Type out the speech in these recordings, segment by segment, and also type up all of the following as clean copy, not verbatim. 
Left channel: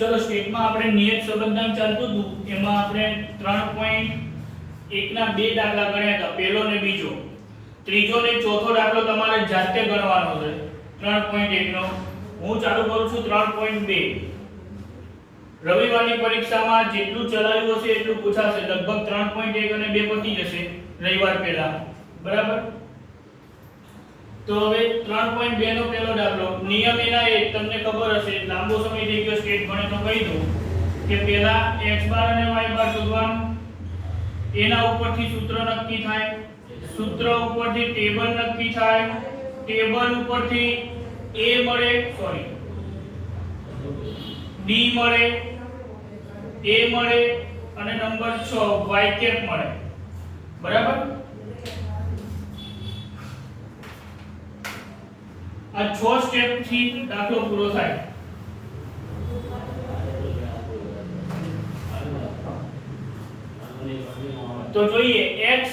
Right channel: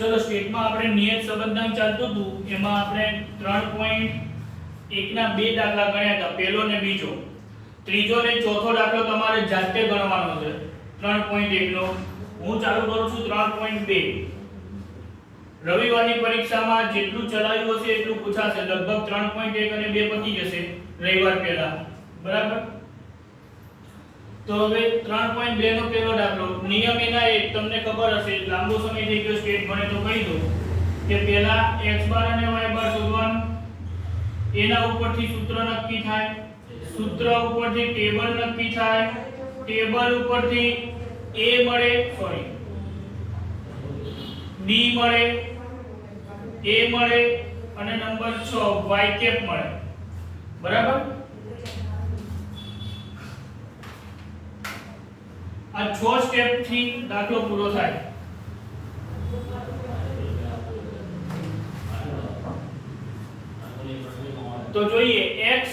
ચલો સ્ટેટમાં આપણે નિયત સંબંધાંક ચાલતું હતું એમાં આપણે 3.1 ના બે દાખલા ગણ્યા હતા, પહેલો ને બીજો. ત્રીજો ને ચોથો દાખલો તમારે જાતે ગણવાનો છે 3.1 નો. હું ચાલુ કરું છું 3.2. રવિવારની પરીક્ષામાં જેટલું ચલાવ્યું હશે એટલું પૂછાશે, લગભગ 3.1 અને 2 પતી જશે રવિવાર પહેલા, બરાબર. તો હવે 3.2 નો પહેલો દાખલો. નિયમ એના એક તમને ખબર હશે, લાંબો સમય થઈ ગયો સ્ટેટ ભણે તો કહી દઉં કે પહેલા x બાર અને y બાર શોધવાનું, એના ઉપરથી સૂત્ર નક્કી થાય, સૂત્ર ઉપરથી ટેબલ નક્કી થાય, ટેબલ ઉપરથી a મળે, સોરી d મળે, a મળે અને નંબર 6 y કેપ મળે, બરાબર. આ 6 સ્ટેપ થી દાખલો પૂરો થાય. તો જોઈએ, x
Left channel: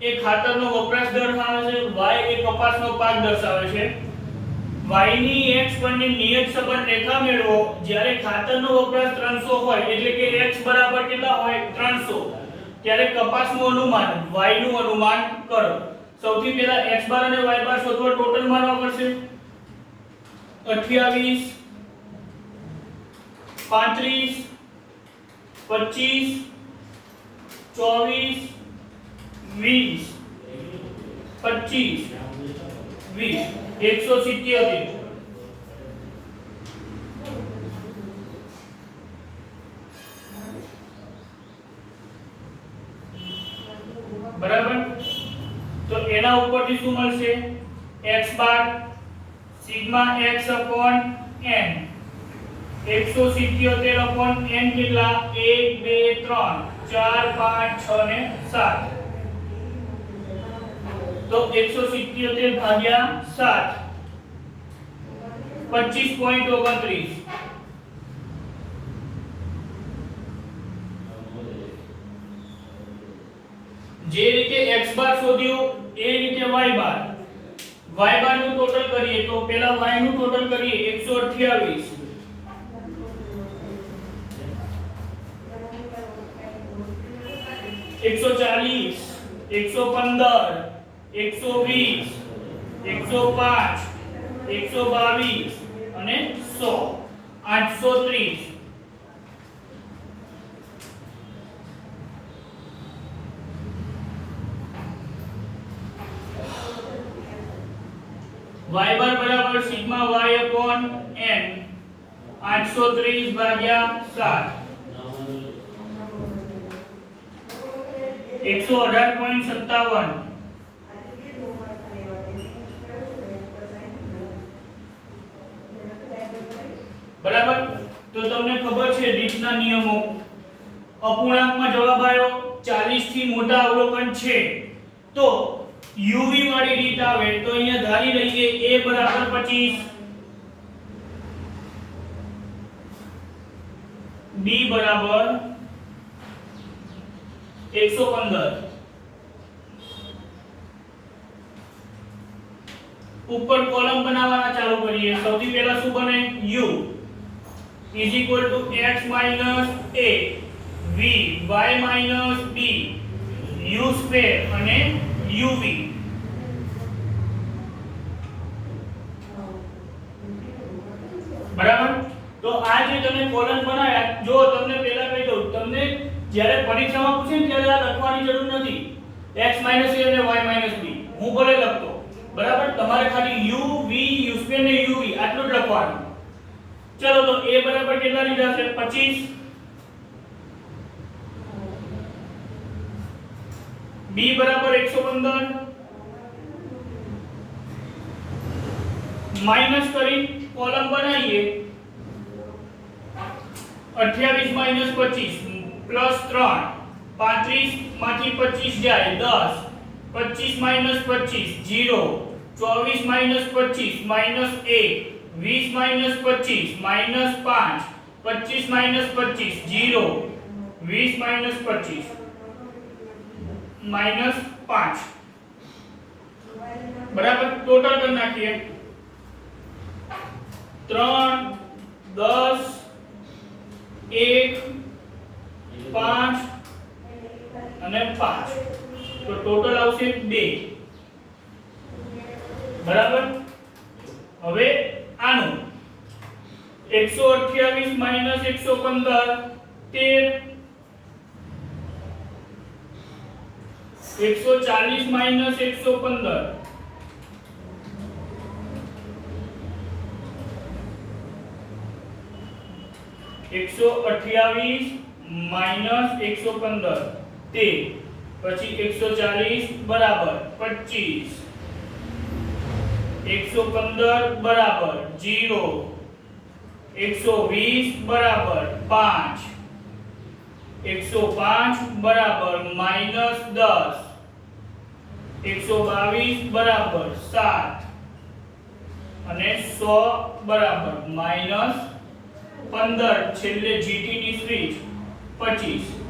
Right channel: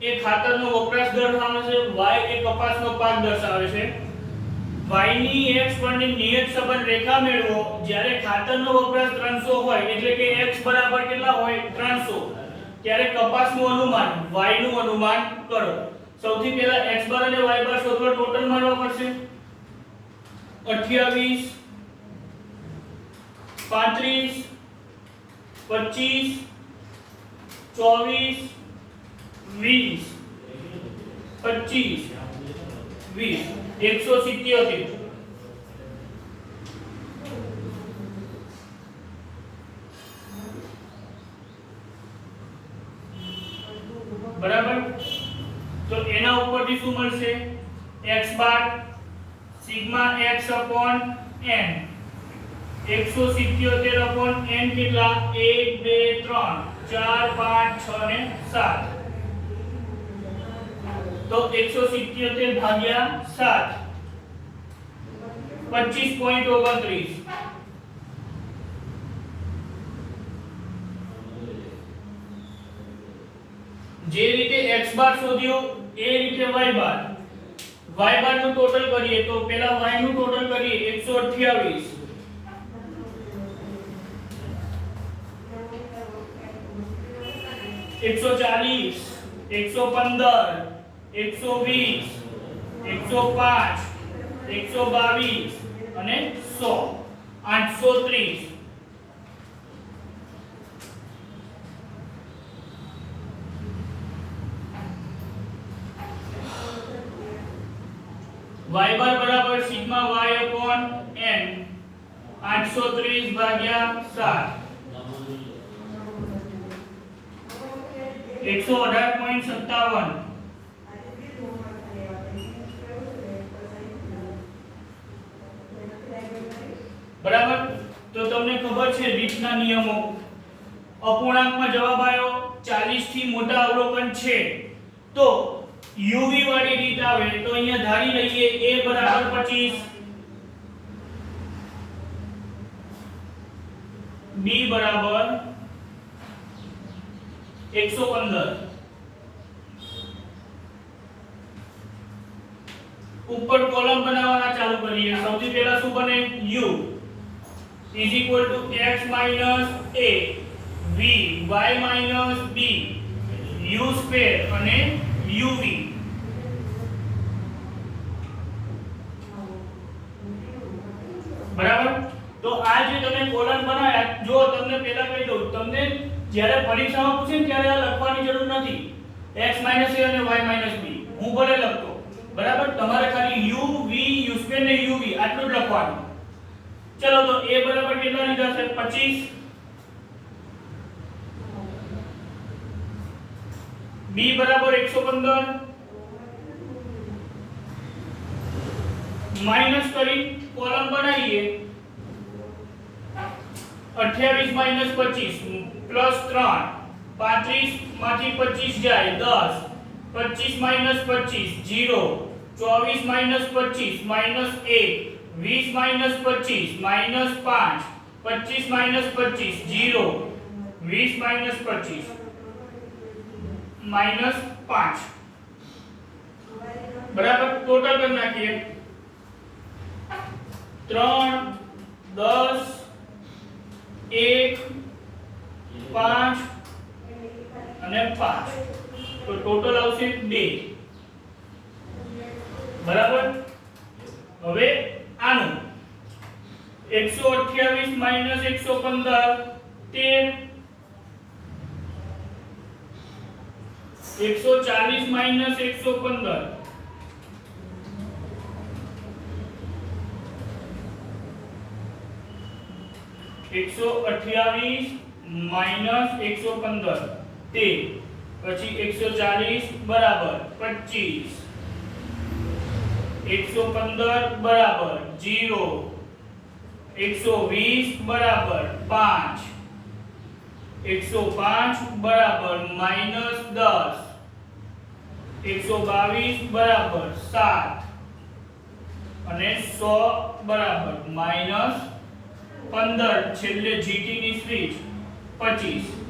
એ ખાતરનો વપરાશ દર્શાવે છે, y એ કપાસનો પાક દર્શાવે છે. y ની x પરની નિયત સંબંધ રેખા મેળવો જ્યારે ખાતરનો વપરાશ 300 હોય, એટલે કે x બરાબર કેટલા હોય 300, ત્યારે કપાસનું અનુમાન y નું અનુમાન કરો. સૌથી પહેલા x બાર અને y બાર શોધવા ટોટલ મારવા પડશે. 28 35 25 24 20 25 20 177. બરાબર. તો એના ઉપરથી શું મળશે? x બાર sigma x upon n 177 upon n કેટલા 1 2 3 4 5 6 ને 7. તો 177 ભાગ્યા 7 25.29. જે રીતે x બાર શોધ્યો એ રીતે y બાર. y બાર નું ટોટલ કરીએ તો પહેલા y નું ટોટલ કરીએ 128 140 115 120 105 122 અને 100 830. y બાર બરાબર સિગ્મા y upon n 830 ભાગ્યા 7 118.57. બરાબર. તો તમને ખબર છે રીતના નિયમો. અપૂર્ણાંકમાં જવાબ આવ્યો 40 થી મોટા અવલોકન છે તો uv વાળી રીત આવે તો અહીંયા ધારી લઈએ a બરાબર 25, b બરાબર 115. ઉપર કોલમ બનાવવાના ચાલુ કરીએ. સૌથી પહેલા શું બને? u is equal to x minus a v y minus b u square અને uv. બરાબર. તો આ જે તમે કોલમ બનાવ્યા, જો તમને પહેલા કહી દઉં, તમને જ્યારે પરીક્ષામાં પૂછે ત્યારે આ લખવાની જરૂર નથી, x a અને y b. હું ભલે લખતો, બરાબર. તમારે ખાલી u v u સ્ક્વેર ને uv આટલું જ લખવાનું. ચલો તો a બરાબર કેટલા લીધા છે? 25. b બરાબર 115. માઈનસ કરી કોલમ બનાવીએ. 28 minus 25 plus 3 35 માંથી 25 જાય 10 25 minus 25 0 24 minus 25 minus 1 20 minus 25 minus 5 25 minus 25 0 20 minus 25 minus 5. बराबर. टोटल कर नाखिए 3 10 1 5 અને 5 તો ટોટલ આવશે 2 બરાબર હવે આનું 128 માઈનસ 115 13 140 માઈનસ 115 128 માઈનસ 115 તે પછી 140 બરાબર 25 115 બરાબર 0 120 બરાબર 5 105 બરાબર માઈનસ 10 122 બરાબર 7 અને 100 બરાબર માઈનસ 15 છેલ્લે જીટી ની સ્વિચ 25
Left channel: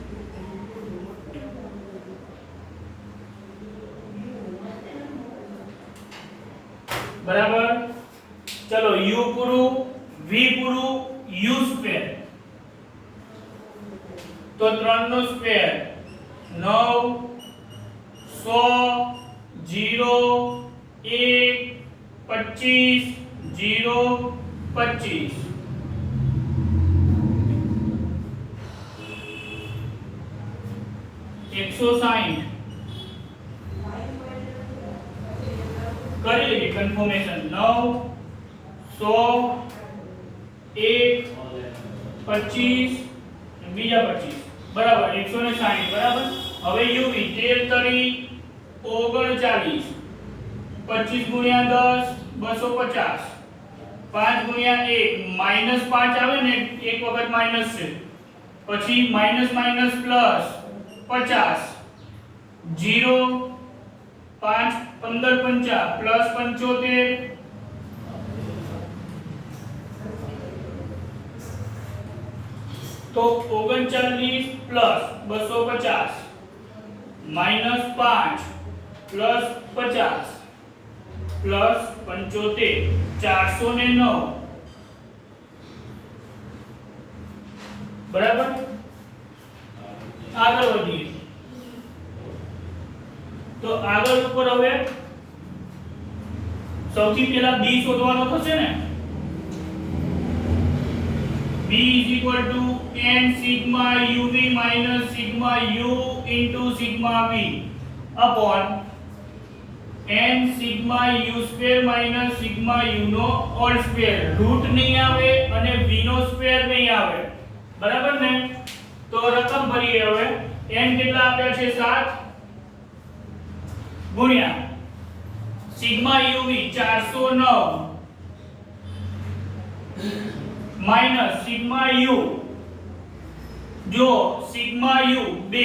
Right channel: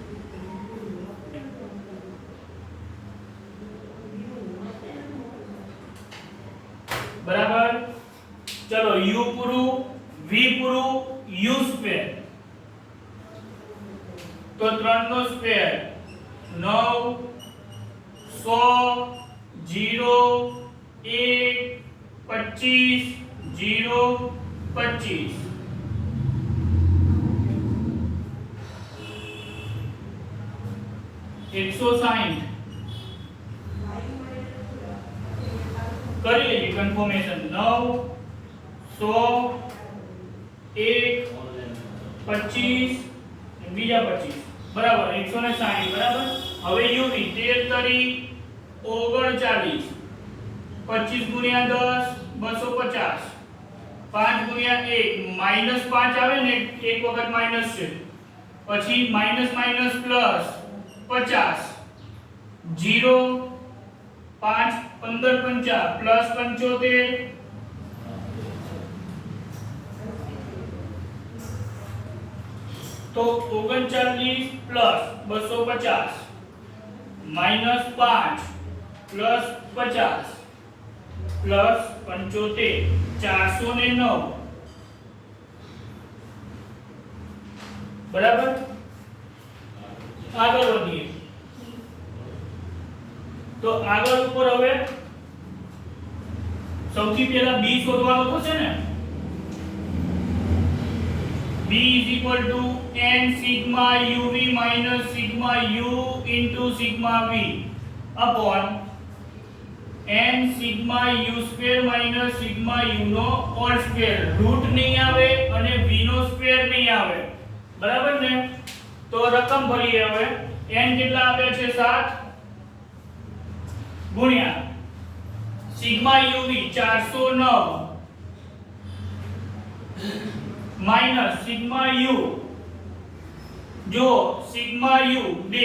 બરાબર ચલો u પૂરું v પૂરું u સ્ક્વેર તો 3 નો સ્ક્વેર 9 100 0 1 25 0 25 160 કરી લેજે કન્ફર્મેશન 9 100 1 25 બીજા 25 બરાબર 160 બરાબર હવે uv 13 તરી 39 25 ગુણ્યા 10 250 5 ગુણ્યા 1 માઈનસ 5 આવે ને એક વખત માઈનસ છે પછી માઈનસ માઈનસ પ્લસ 50 0 5 15 50 પ્લસ 75 તો 39 પ્લસ 250 માઈનસ 5 પ્લસ 50 પ્લસ 75 409 બરાબર આગળ વધીએ તો આગળ ઉપર હવે સૌથી પહેલા b શોધવાનો થશે ને b n sigma uv minus sigma u into sigma v upon n sigma u square minus sigma u નો હોલ સ્ક્વેર રૂટ નહીં આવે અને v નો સ્ક્વેર નહીં આવે બરાબર ને તો રકમ ભરીએ હવે n કેટલા આપ્યા છે 7 ગુણ્યા sigma uv 409 minus sigma u જો સિગ્મા u 2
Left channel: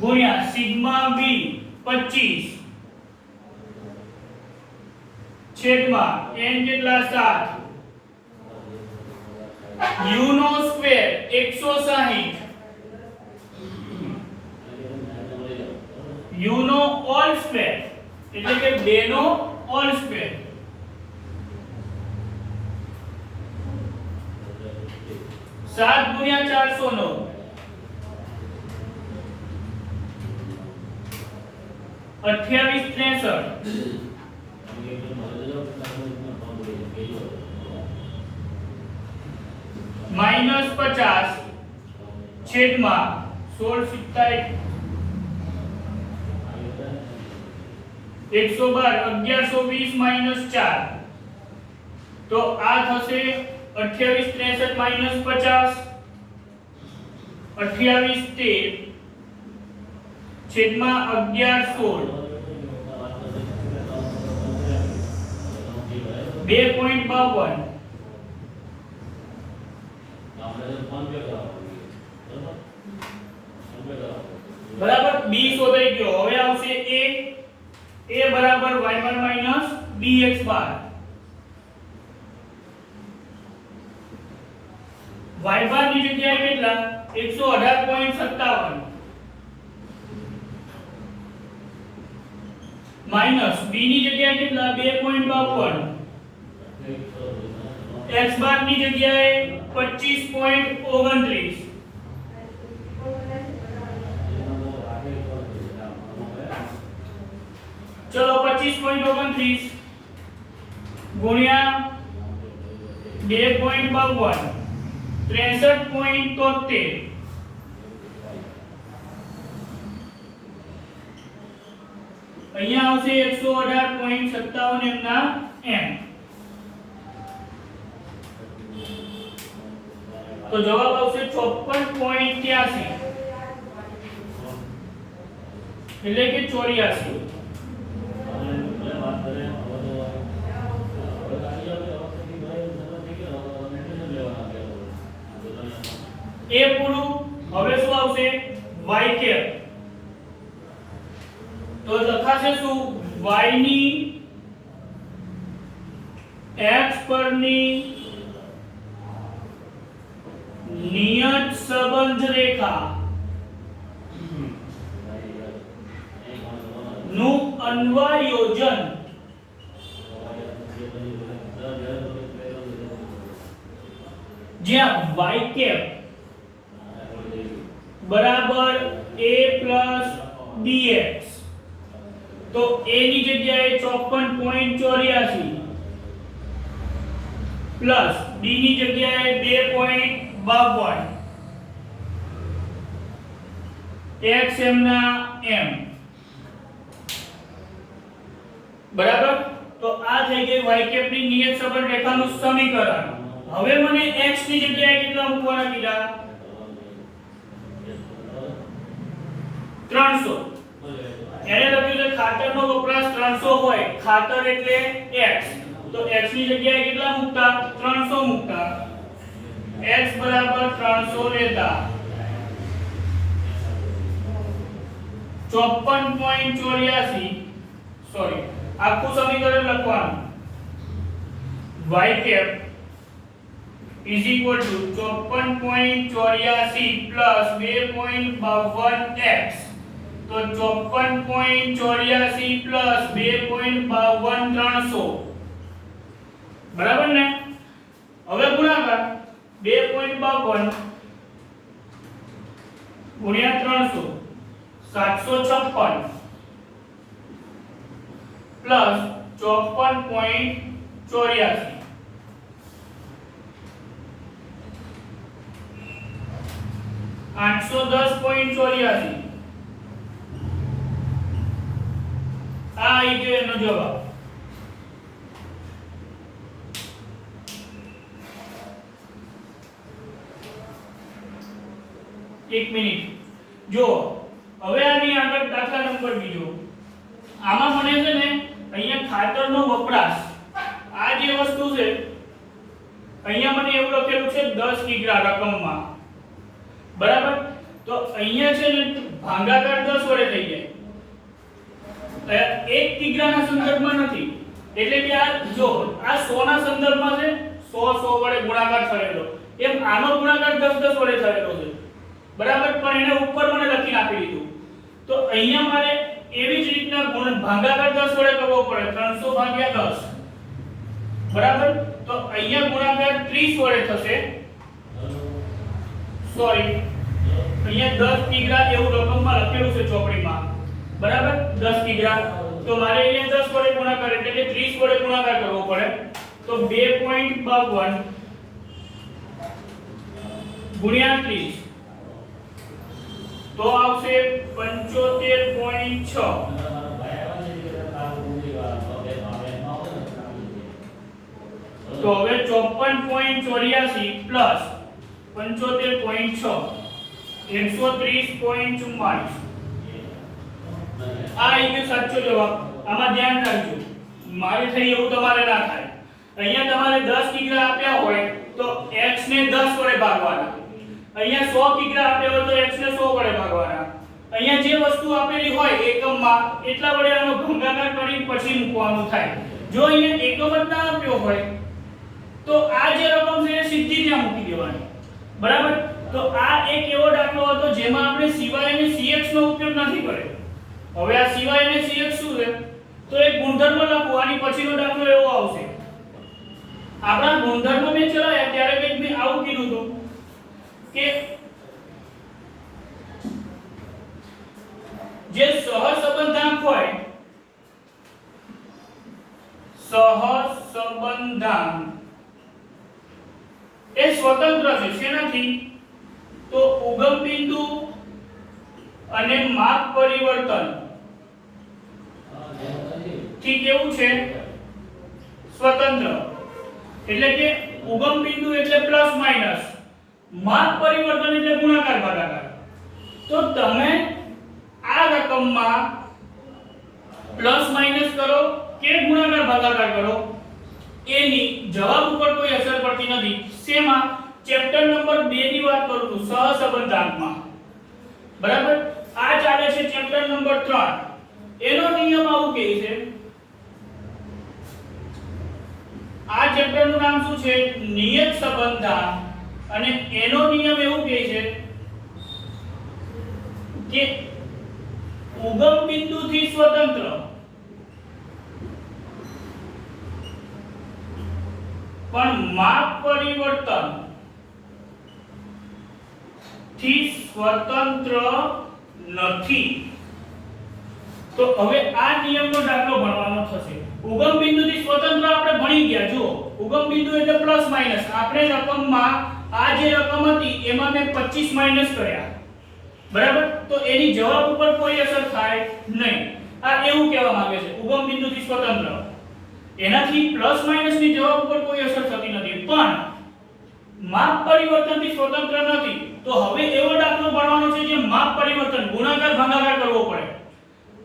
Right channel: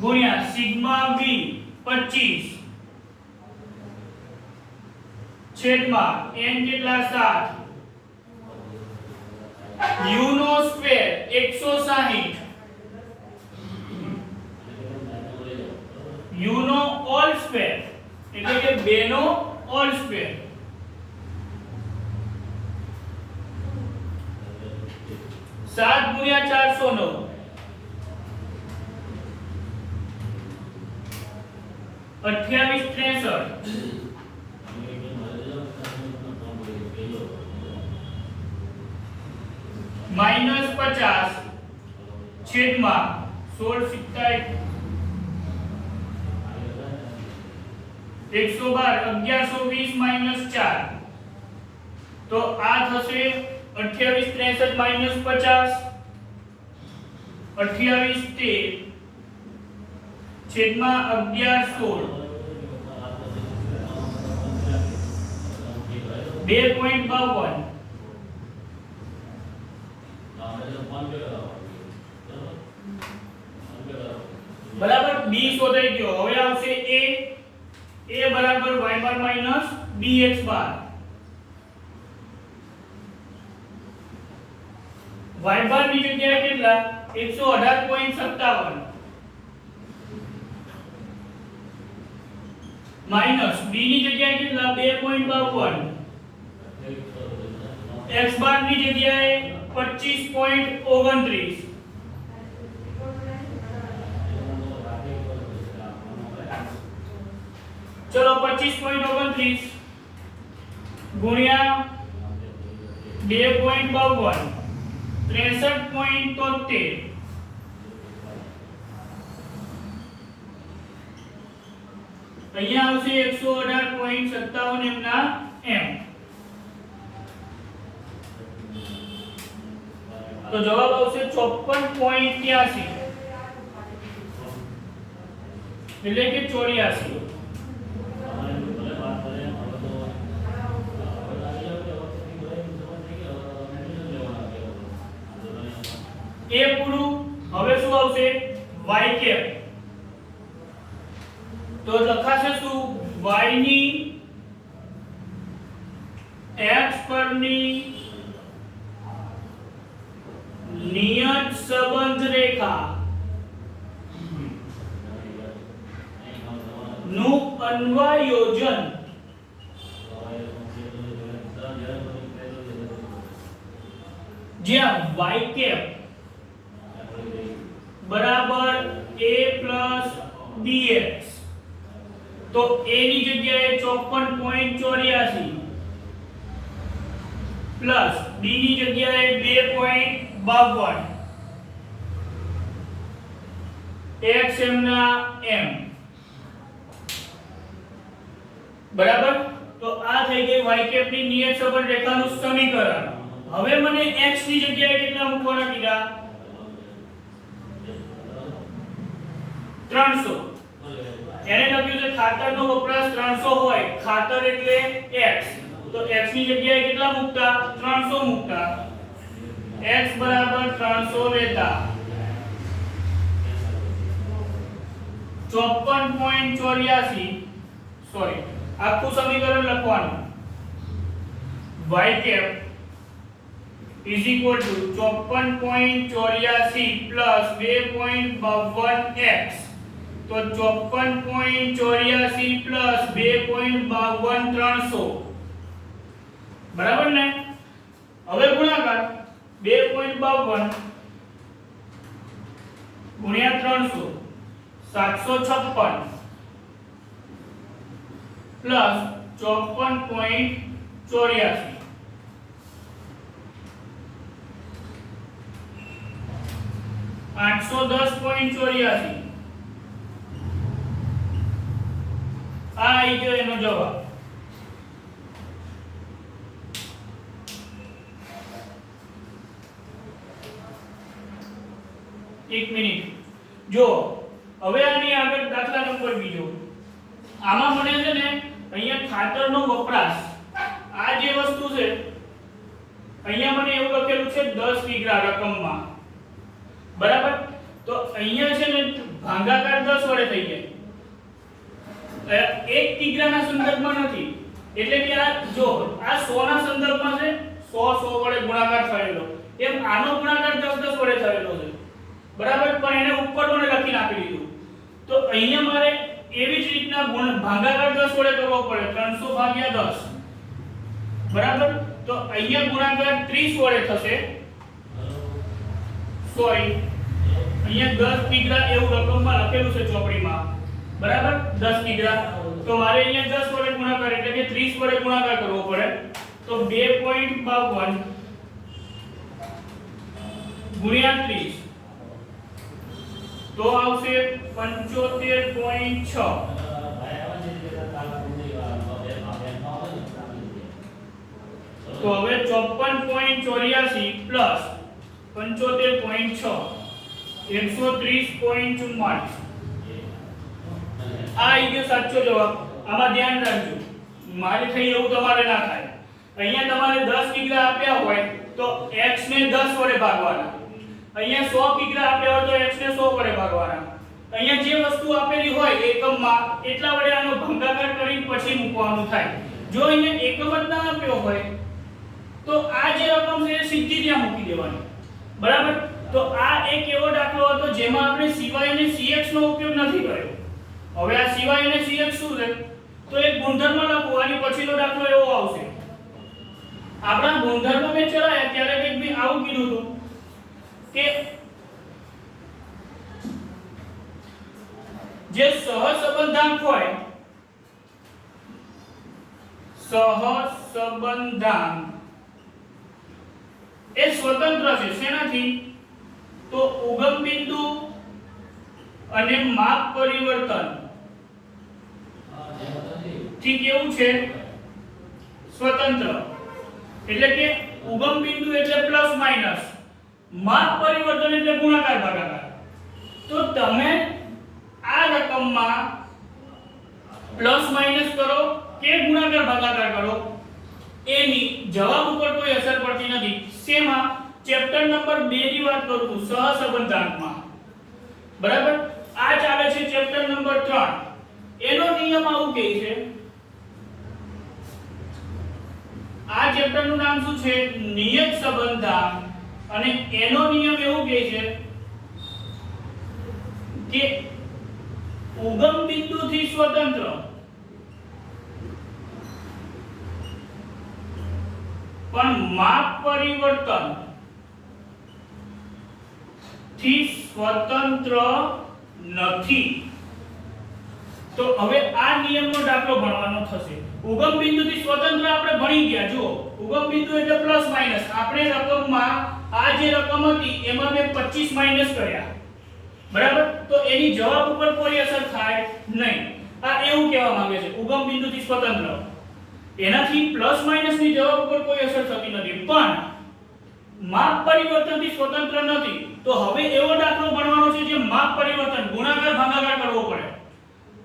ગુણ્યા સિગ્મા v 25 છેદમાં n કેટલા 7 u નો સ્ક્વેર 160 u નો હોલ સ્ક્વેર એટલે કે 2 નો હોલ સ્ક્વેર 7 ગુણ્યા 409 28 63 માઈનસ 50 છેદમાં 16 112 1120 માઈનસ 4 તો આ થશે 28 63 માઈનસ 50 28 13 છેદમાં 11 16 2.52 બરાબર b શોધાઈ ગયો હવે આવશે a બરાબર y બાર માઈનસ bx બાર y બાર ની જગ્યાએ કેટલા 118.57 માઈનસ b ની જગ્યાએ કેટલા 2.52 x બાર ની જગ્યાએ 25.29 चलो 25.29 गुणिया 2.52 63.73 અહીંયા આવશે 118.57 એમના m તો જવાબ આવશે 54.83 એટલે કે 84 એ પૂરું હવે શું આવશે y કેપ તો લખાશે શું y ની x પરની નિયત સંબંધ રેખા નું અન્વયોજન જ્યાં y કેપ बराबर a plus bx तो a ની જગ્યાએ 54.84 પ્લસ b ની જગ્યાએ 2.52 x m ના m બરાબર તો આ થઈ ગઈ y કેપ ની નિયત સંબંધ રેખાનું સમીકરણ હવે મને x ની જગ્યાએ કેટલા મૂકવાના કીધા 300 એને લખ્યું છે ખાતરનો વપરાશ 300 હોય ખાતર એટલે x તો x ની જગ્યાએ કેટલા મૂકતા 300 મૂકતા x બરાબર 300 લેતા 54.84 સોરી આખું સમીકરણ લખવાનું y cap is equal to 54.84 plus 2.52x तो 54.84 प्लस 2.52 बराबर ने હવે ગુણાકાર 2.52 ગુણ્યા 300 756 પ્લસ 54.84 810.84 આ આવી ગયો એનો જવાબ એક મિનિટ જો હવે આની આગળ દાખલા નંબર બીજો આમાં મને છે ને અહીંયા ખાતરનો વપરાશ આ જે વસ્તુ છે અહીંયા મને એવું લખેલું છે 10 કિગ્રા રકમમાં બરાબર તો અહીંયા છે ને ભાગાકાર 10 વડે થઈ જાય એક કિગ્રાના સંદર્ભમાં નથી એટલે કે આ જો આ 100 ના સંદર્ભમાં છે 100 વડે ગુણાકાર થયેલો એમ આનો ગુણાકાર 10 વડે થયેલો છે બરાબર પણ એને ઉપર મને લખી આપી દીધું તો અહીંયા મારે એવી જ રીતના ભાગાકાર 10 વડે કરવો પડે 300 ભાગ્યા 10 બરાબર તો અહીંયા ગુણાકાર 30 વડે થશે સોરી અહીંયા 10 કિગ્રા એવું રકમમાં લખેલું છે ચોપડીમાં બરાબર 10 કિગ્રા તો મારે અહીંયા 10 વડે ગુણાકાર એટલે કે 30 વડે ગુણાકાર કરવો પડે તો 2.52 ગુણ્યા 30 તો આવશે 75.6 તો હવે 54.84 પ્લસ 75.6 130.44 આ આવી ગયો સાચો જવાબ આમાં ધ્યાન રાખજો મારે થઈ એવું તમારે ના થાય અહીંયા તમારે 10 કિગ્રા આપ્યા હોય તો x ને 10 વડે ભાગવાના અહીંયા 100 કિગ્રા આપ્યા હોય તો x ને 100 વડે ભાગવાના અહીંયા જે વસ્તુ આપેલી હોય એકમમાં એટલા વડે આનો ભાગાકાર કરી પછી મૂકવાનું થાય જો અહીંયા એકમ જ ના આપ્યો હોય તો આ જે રકમ છે એ સીધી ત્યાં મૂકી દેવાની બરાબર તો આ એક એવો દાખલો હતો જેમાં આપણે સિવાય અને cx નો ઉપયોગ નથી કર્યો હવે આ સિવાય અને cx શું છે તો એક ગુણધર્મ લખો આની પછીનો દાખલો એવો આવશે આપણા ગુણધર્મ મેં ચલાયા ત્યારે કંઈક મેં આવું કીધું હતું કે જે સહસંબંધાંક હોય, સહસંબંધાંક એ સ્વતંત્ર છે શેનાથી? તો ઉગમ બિંદુ અને માપ પરિવર્તન થી કેવું છે? સ્વતંત્ર. એટલે કે ઉગમ બિંદુ એટલે પ્લસ માઈનસ, માપ પરિવર્તન એટલે ગુણાકાર ભાગાકાર. તો તમે આ રકમમાં પ્લસ માઈનસ કરો કે ગુણાકાર ભાગાકાર કરો એની જવાબ ઉપર કોઈ અસર પડતી નથી. શેમાં? ચેપ્ટર નંબર 2 ની વાત કરું છું, સહસંબંધાંકમાં. બરાબર? આ ચાલે છે ચેપ્ટર નંબર 3. એનો નિયમ આવું કહે છે, આ ચેપ્ટર નું નામ શું છે? નિયત સંબંધાંક. અને એનો નિયમ એવું કહે છે કે ઉગમ બિંદુથી સ્વતંત્ર પણ માપ પરિવર્તન થી સ્વતંત્ર નથી. તો હવે આ નિયમનો દાખલો ભણવાનો થશે. ઉગમ બિંદુથી સ્વતંત્ર આપણે ભણી ગયા. જુઓ, ઉગમ બિંદુ એટલે પ્લસ માઈનસ. આપણે રકમમાં આ જે રકમ હતી એમાં મેં 25 માઈનસ કર્યા. બરાબર? તો એની જવાબ ઉપર કોઈ અસર થાય નહીં. આ એવું કહેવા માંગે છે ઉગમ બિંદુથી સ્વતંત્ર. એનાથી પ્લસ માઈનસ ની જવાબ ઉપર કોઈ અસર થતી નથી, પણ માપ પરિવર્તનથી સ્વતંત્ર નથી. તો હવે એવો દાખલો ભણવાનો છે જે માપ પરિવર્તન ગુણાકાર ભાગાકાર કરવો પડે.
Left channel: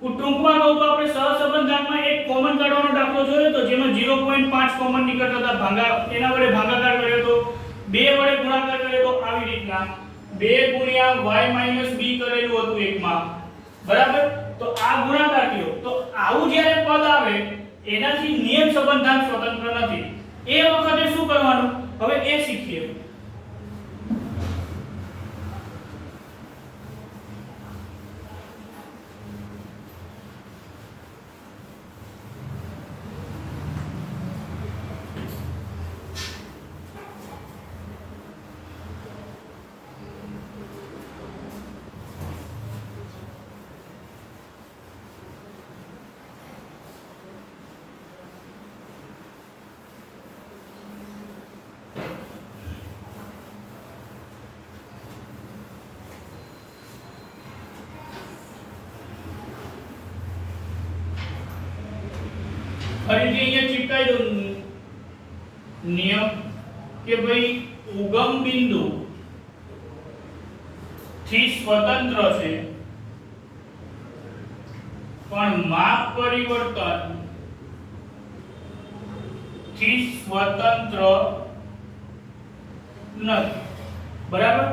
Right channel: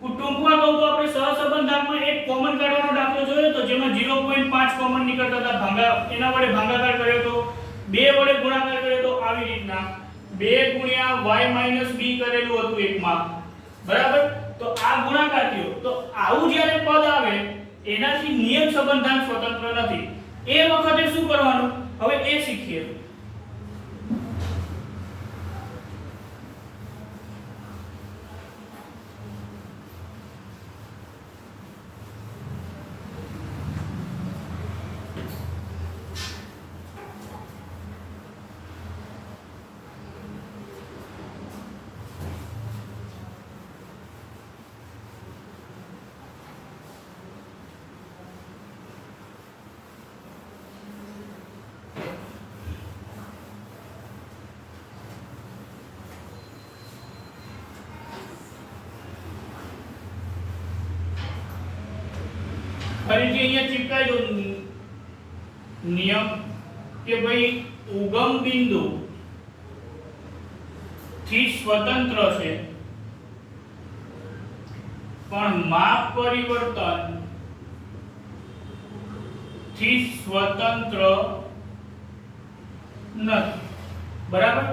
ટૂંકમાં કહું તો આપણે સહસંબંધાંકમાં એક કોમન કાઢવાનો દાખલો જોયો તો જેમાં 0.5 કોમન નીકળતા હતા. એના વડે ભાગાકાર કર્યો તો, 2 વડે ગુણાકાર કર્યો તો, આવી રીતના 2 ગુણ્યા y b કરેલું હતું એકમાં. બરાબર? તો આ ગુણાકાર થયો. તો આવું જ્યારે પદ આવે એનાથી નિયત સંબંધાંક સ્વતંત્ર નથી. એ વખતે શું કરવાનું? હવે એ શીખીએ. ફરીથી અહીંયા ચિપકાઈ દો નિયમ કે ભાઈ ઉગમ બિંદુ થી સ્વતંત્ર છે પણ માપ પરિવર્તન થી સ્વતંત્ર નથી. બરાબર?